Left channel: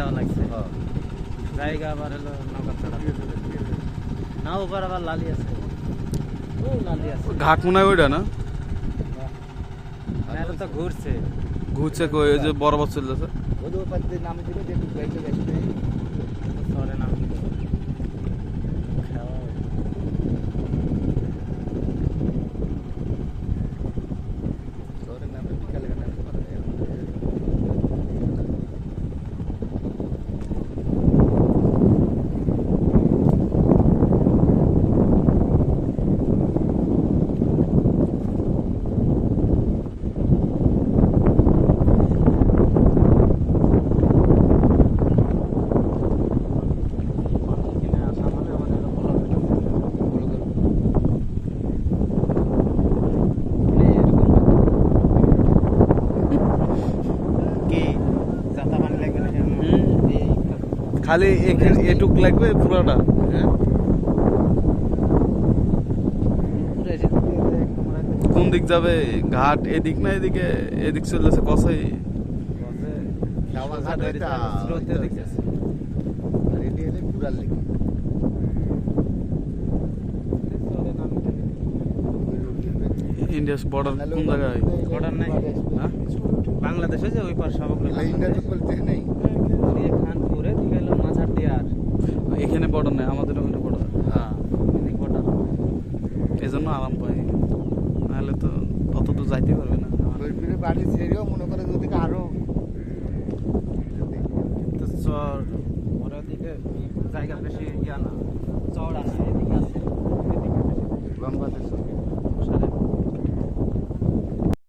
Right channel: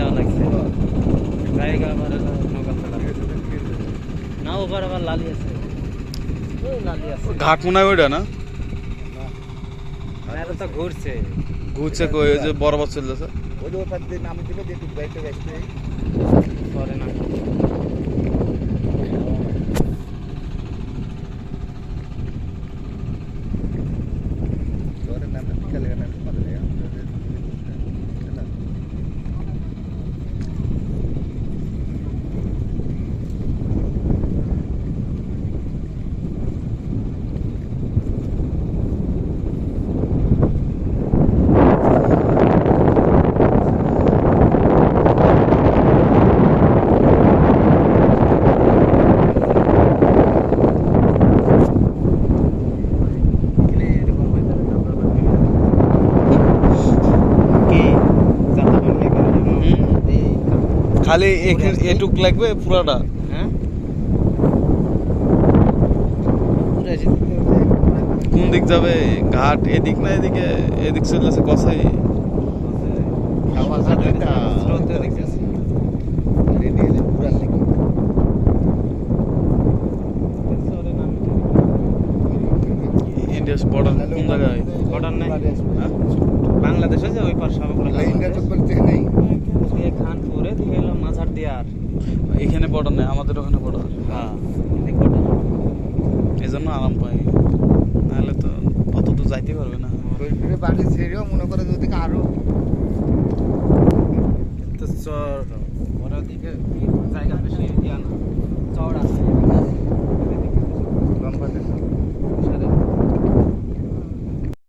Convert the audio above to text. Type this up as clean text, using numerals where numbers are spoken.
যাওয়া লাগছে জায়গা আমার না ওপার আবার লালি আছে ওই লালি আছে ঘাট মনে হয় ওইটা না এটা তো ঘুরছে ঘুরছে কই ওই যে বরাবর চলতেছে ওই ওই পাশ দিয়ে নামে দিবে দেখি বাইকটা গেছে সরে না তোর নামে খেলে না পারে খালি এটুক লাগবে পুরাটা হ্যাঁ পুরো এসে কোন দিক যাবে ঘাট এদিক না এদিকে এদিক চলেছে কসাই স্রোতে দেখতেছি রেডি হলে পুরা লাগি ইন্ডিয়া বর্ডার কোন জায়গায় বর্ডার নাই হ্যাঁ বাংলাদেশে যে ওই পার সবগুলো ইন্ডিয়া তো বলতে নেই দিয়ে খানপুরে দিয়ে গেল মাঝার দিয়ে আর এখানে বর্ডার নেই আমাদের ওখানে বর্ডার হ্যাঁ এদিকে বর্ডার এই জন্য আরাম পাই নাহলে তো অত দূর যাইতে পারবে না ঘুরে ফিরে বাড়ি ছেড়েও মনে করে যে ওদিকে আরো তো চর ওর দিকে জায়গা বেশি ইয়া না চড় আছে এদিকে আছে